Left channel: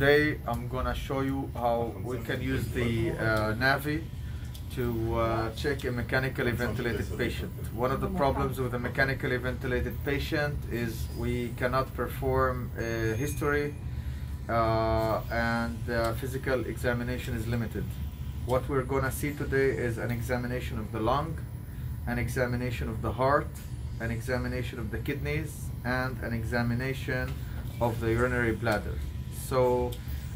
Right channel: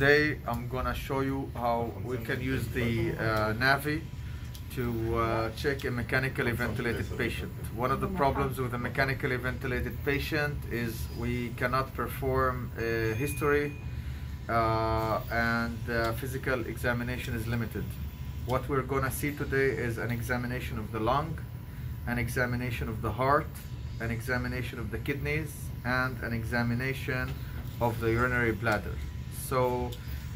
Today I'm gonna show you how we can use the Navi to check a mechanically ventilated patient. One of the problems with a mechanically ventilated patient is we cannot perform a history and physical examination is limited. What we're gonna see today is an examination of the lung, an examination of the heart, an examination of the kidneys, and an examination of the urinary bladder. So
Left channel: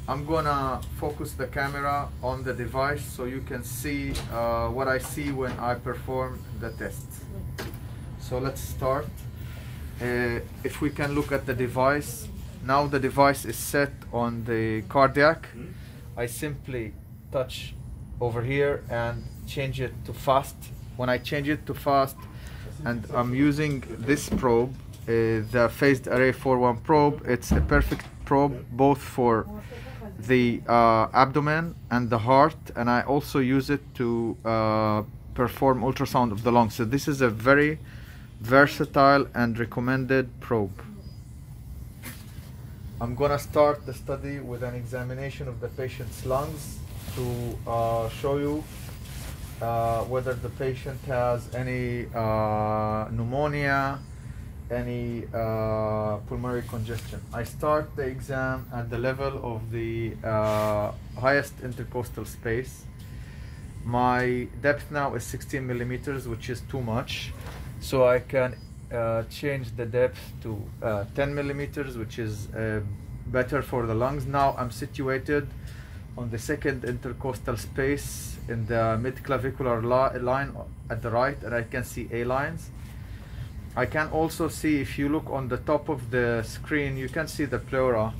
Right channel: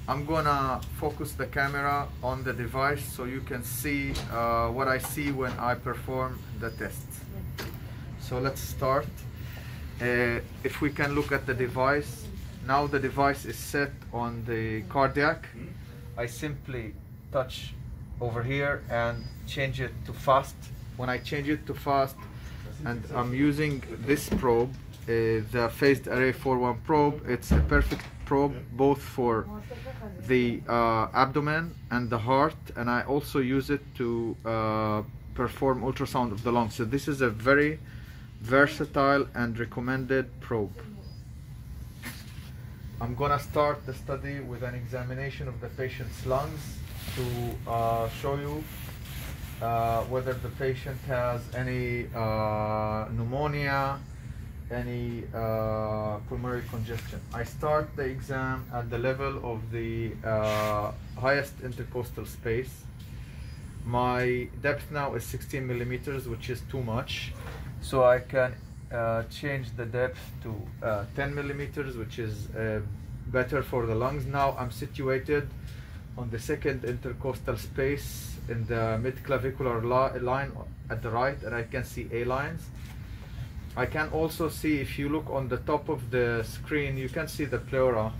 I'm gonna focus the camera on the device so you can see what I see when I perform the test. So let's start. If we can look at the device, now the device is set on the cardiac. I simply touch over here and change it to fast. When I change it to fast, and I'm using this probe, the phased array 4-1 probe, it's a perfect probe both for the abdomen and the heart, and I also use it to perform ultrasound of the lungs. So this is a very versatile and recommended probe. I'm gonna start the study with an examination of the patient's lungs to show you whether the patient has any pneumonia, any pulmonary congestion. I start the exam at the level of the highest intercostal space. My depth now is 16 millimeters, which is too much. So I can change the depth to 10 millimeters, which is better for the lungs. Now I'm situated on the second intercostal space in the mid-clavicular line at the right, and I can see A lines. I can also see, if you look on the top of the screen, you can see the pleura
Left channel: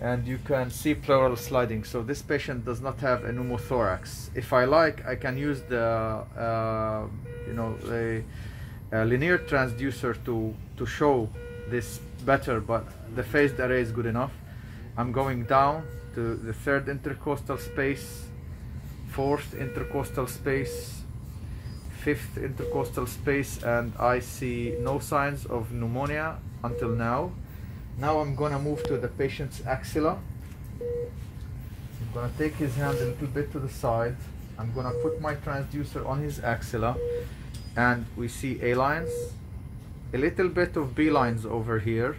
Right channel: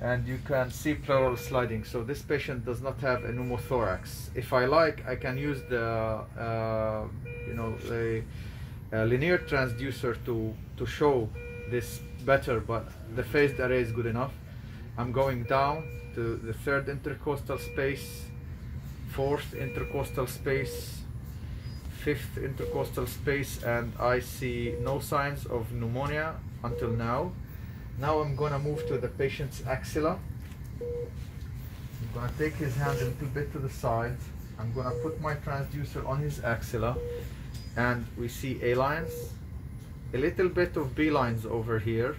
and you can see pleural sliding. So this patient does not have a pneumothorax. If I like, I can use the a linear transducer to show this better, but the phased array is good enough. I'm going down to the third intercostal space, fourth intercostal space, fifth intercostal space, and I see no signs of pneumonia until now. Now I'm gonna move to the patient's axilla. I'm gonna take his hand a little bit to the side. I'm gonna put my transducer on his axilla, and we see A lines, a little bit of B lines over here.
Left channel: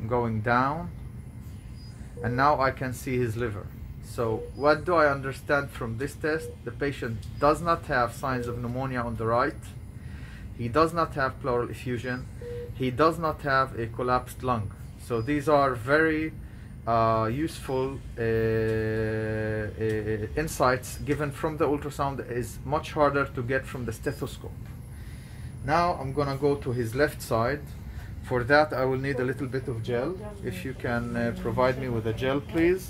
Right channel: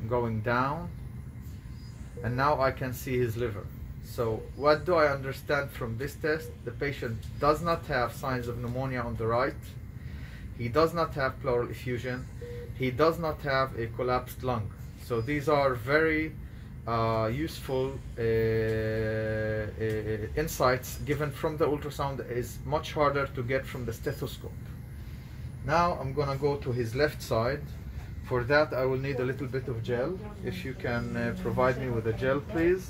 I'm going down, and now I can see his liver. So what do I understand from this test? The patient does not have signs of pneumonia on the right. He does not have pleural effusion. He does not have a collapsed lung. So these are very useful insights given from the ultrasound. It is much harder to get from the stethoscope. Now I'm gonna go to his left side. For that I will need a little bit of gel. If you can provide me with a gel, please.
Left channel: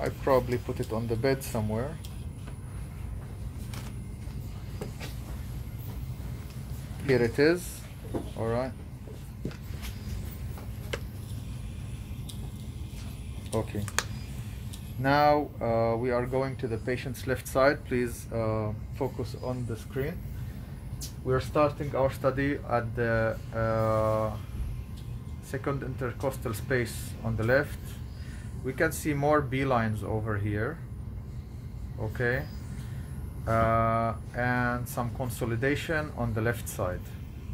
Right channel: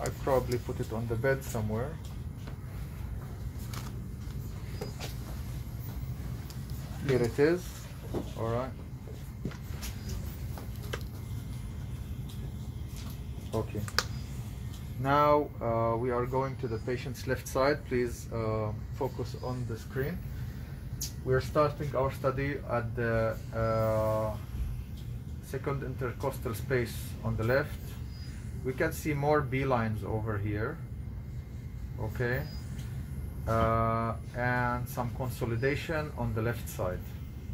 I probably put it on the bed somewhere. Here it is. All right. Okay. Now we are going to the patient's left side. Please focus on the screen. We're starting our study at the second intercostal space on the left. We can see more B lines over here. Okay. And some consolidation on the left side.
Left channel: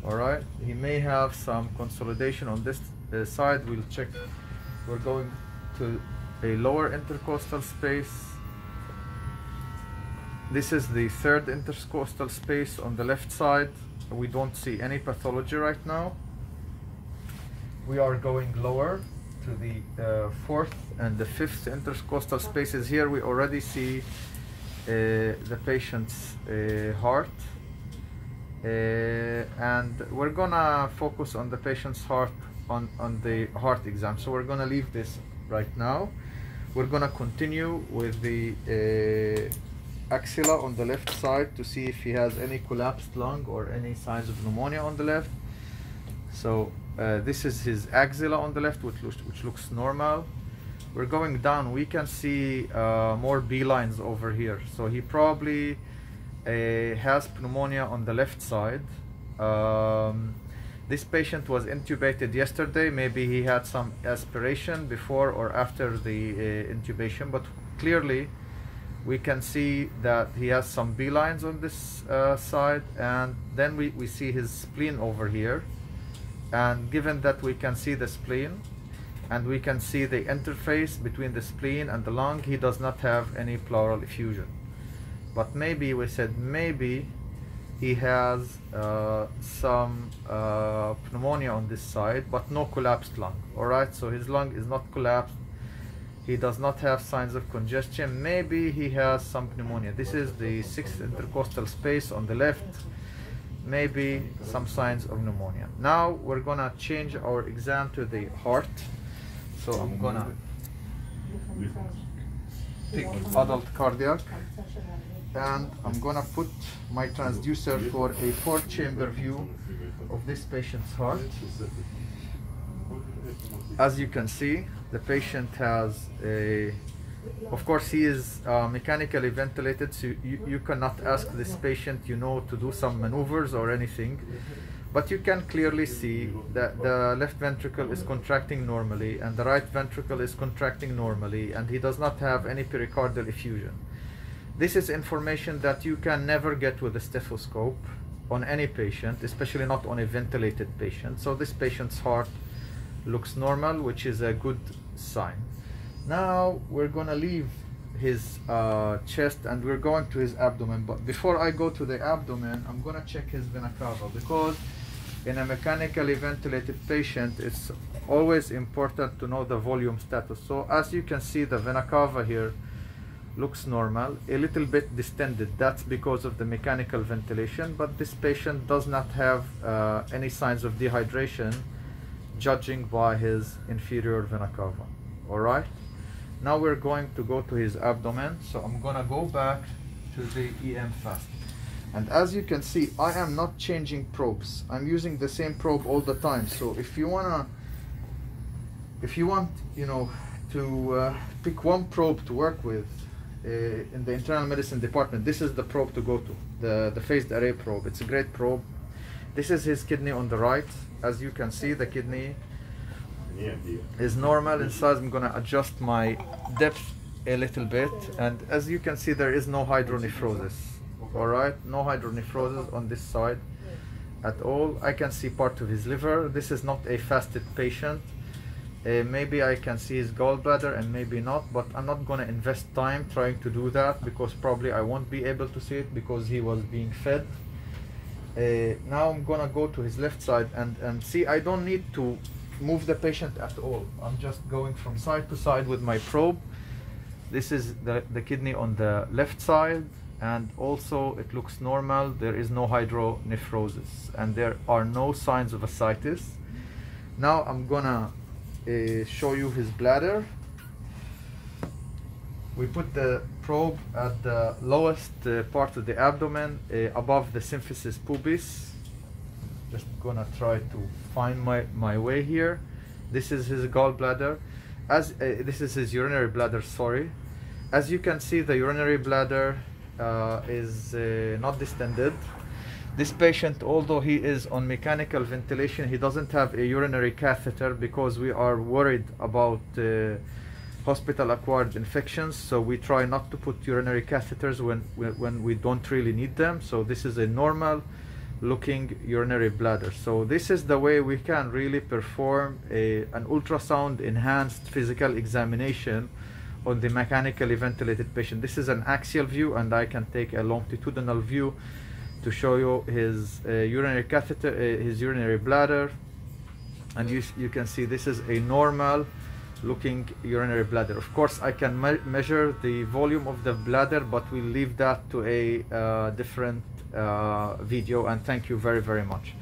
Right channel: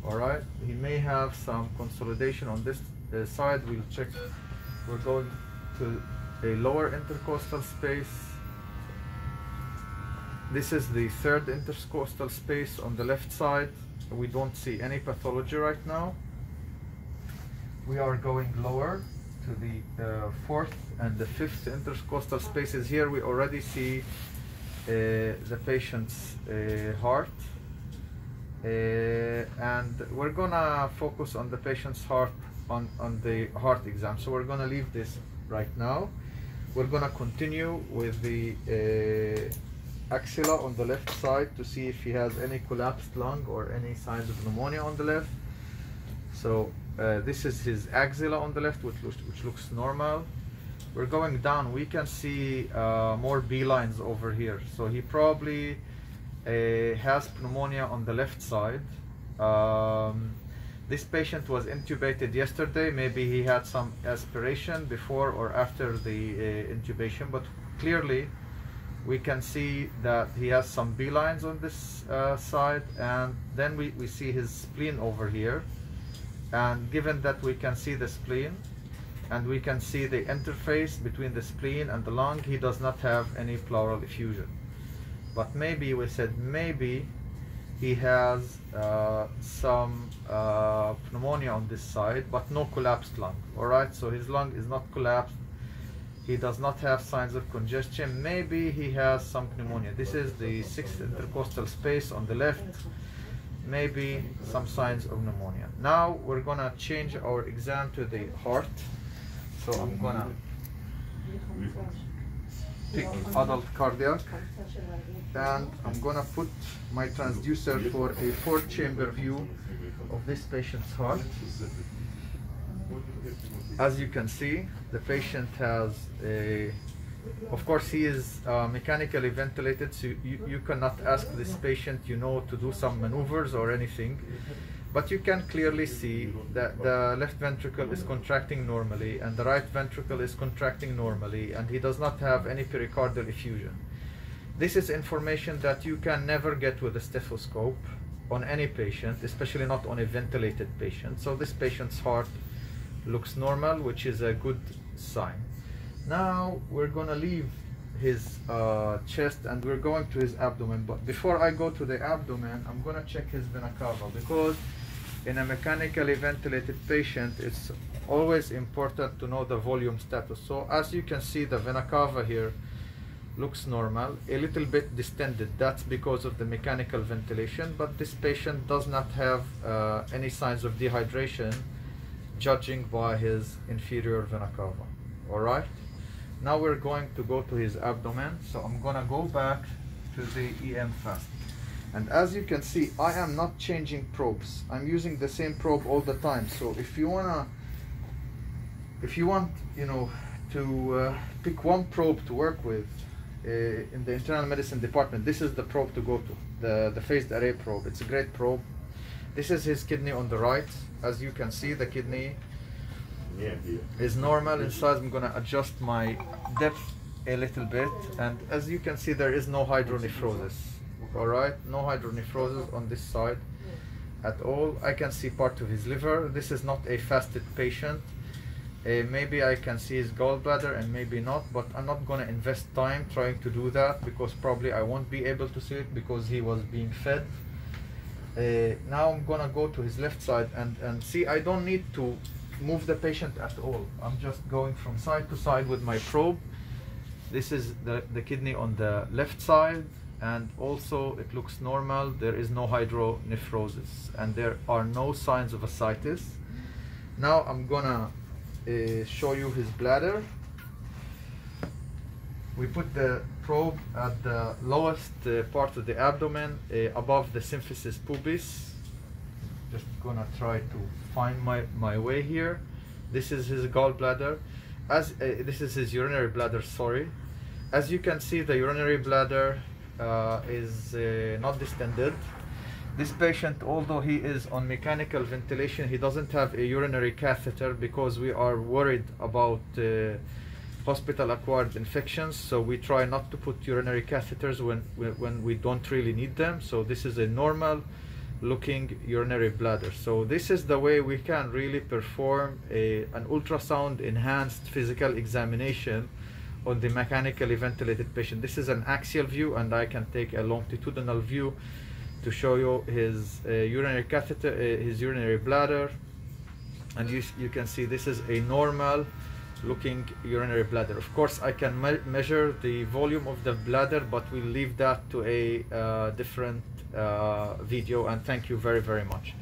All right. He may have some consolidation on this side. We'll check. We're going to a lower intercostal space. This is the third intercostal space on the left side. We don't see any pathology right now. We are going lower to the fourth and the fifth intercostal spaces. Here we already see the patient's heart, and we're gonna focus on the patient's heart on the heart exam. So we're gonna leave this right now. We're gonna continue with the axilla on the left side to see if he has any collapsed lung or any signs of pneumonia on the left. So this is his axilla on the left, which looks normal. we're going down, we can see more B-lines over here. So he probably has pneumonia on the left side. This patient was intubated yesterday. Maybe he had some aspiration before or after the intubation, but clearly we can see that he has some B-lines on this side, and then we see his spleen over here. And given that we can see the spleen and we can see the interface between the spleen and the lung, he does not have any pleural effusion. But maybe, we said maybe he has some pneumonia on this side, but no collapsed lung. All right, so his lung is not collapsed. He does not have signs of congestion. Maybe he has some pneumonia. This is the 6th intercostal space on the left. Maybe some signs of pneumonia. Now we're gonna change our exam to the heart. So I'm gonna pick adult cardiac, and I'm gonna put my transducer for a 4-chamber view of this patient's heart. As you can see, the patient has of course he is mechanically ventilated, so you cannot ask this patient, to do some maneuvers or anything, but you can clearly see that the left ventricle is contracting normally and the right ventricle is contracting normally, and he does not have any pericardial effusion. This is information that you can never get with a stethoscope on any patient, especially not on a ventilated patient. So this patient's heart looks normal, which is a good sign. Now we're going to leave his chest and we're going to his abdomen. But before I go to the abdomen, I'm going to check his vena cava, because in a mechanically ventilated patient, it's always important to know the volume status. So as you can see, the vena cava here looks normal, a little bit distended. That's because of the mechanical ventilation, but this patient does not have any signs of dehydration, judging by his inferior vena cava. All right, now we're going to go to his abdomen. So I'm gonna go back to the EM fast, and as you can see, I am not changing probes. I'm using the same probe all the time. So if you want to pick one probe to work with in the internal medicine department, this is the probe to go to, the phased array probe. It's a great probe. This is his kidney on the right. As you can see, the kidney is normal in size. I'm going to adjust my depth a little bit, and as you can see, there is no hydronephrosis. All right, no hydronephrosis on this side at all. I can see part of his liver. This is not a fasted patient. Maybe I can see his gallbladder and maybe not, but I'm not going to invest time trying to do that, because probably I won't be able to see it because he was being fed. Now I'm gonna go to his left side and see, I don't need to move the patient at all. I'm just going from side to side with my probe. This is the kidney on the left side, and also it looks normal. There is no hydronephrosis and there are no signs of ascites. Now I'm gonna show you his bladder. We put the probe at the lowest part of the abdomen, above the symphysis pubis. Just gonna try to find my way here. This is his gallbladder. This is his urinary bladder, sorry. As you can see, the urinary bladder is not distended. This patient, although he is on mechanical ventilation, he doesn't have a urinary catheter because we are worried about hospital-acquired infections, so we try not to put urinary catheters when we don't really need them. So this is a normal looking urinary bladder. So this is the way we can really perform an ultrasound enhanced physical examination on the mechanically ventilated patient. This is an axial view, and I can take a longitudinal view to show you his urinary catheter, his urinary bladder, and you can see this is a normal looking urinary bladder. Of course, I can measure the volume of the bladder, but we'll leave that to a different video, and thank you very, very much.